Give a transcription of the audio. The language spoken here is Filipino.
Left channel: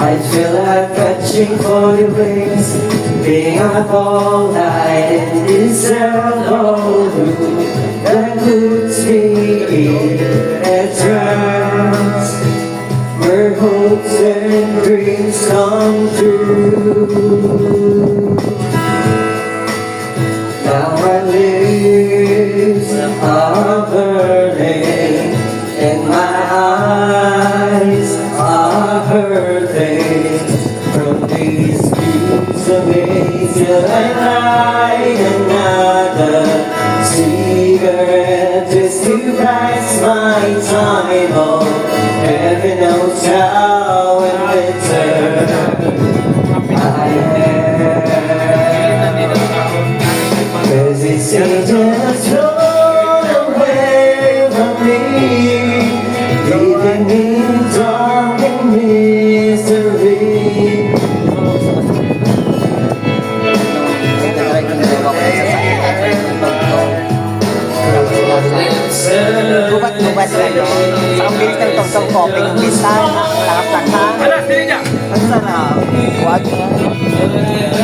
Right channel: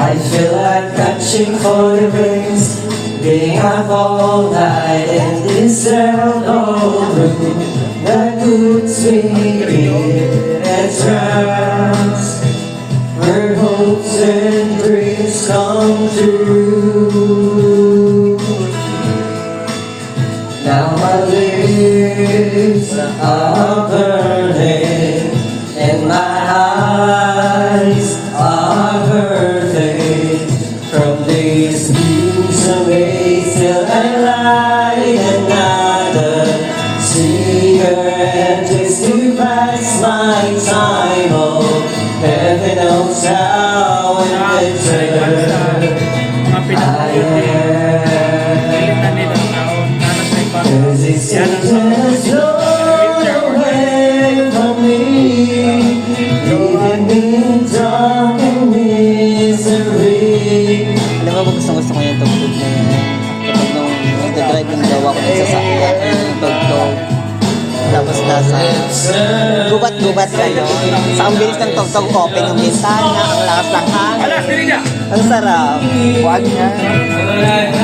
I feel like catching for the rings, being up all night in this old room that puts me in a trance, where hopes and dreams come true. Now my lips are burning and my eyes are hurting from these views of me till I light another cigarette just to pass my time. Oh, heaven knows how in winter I am. Cause it seems just flown away from me, leaving me in dark and misery. Alam mo, gusto ko yung tugtog. Kapag nung nag-drive yung gawa ko ng sasakyan, yung tugtog. Tapos nasa gubat-gubat ka, no? Sa ang bilis ng tugtog, open yung bintana, ang lakas ng hangin. Ang sarap. Huwag nga.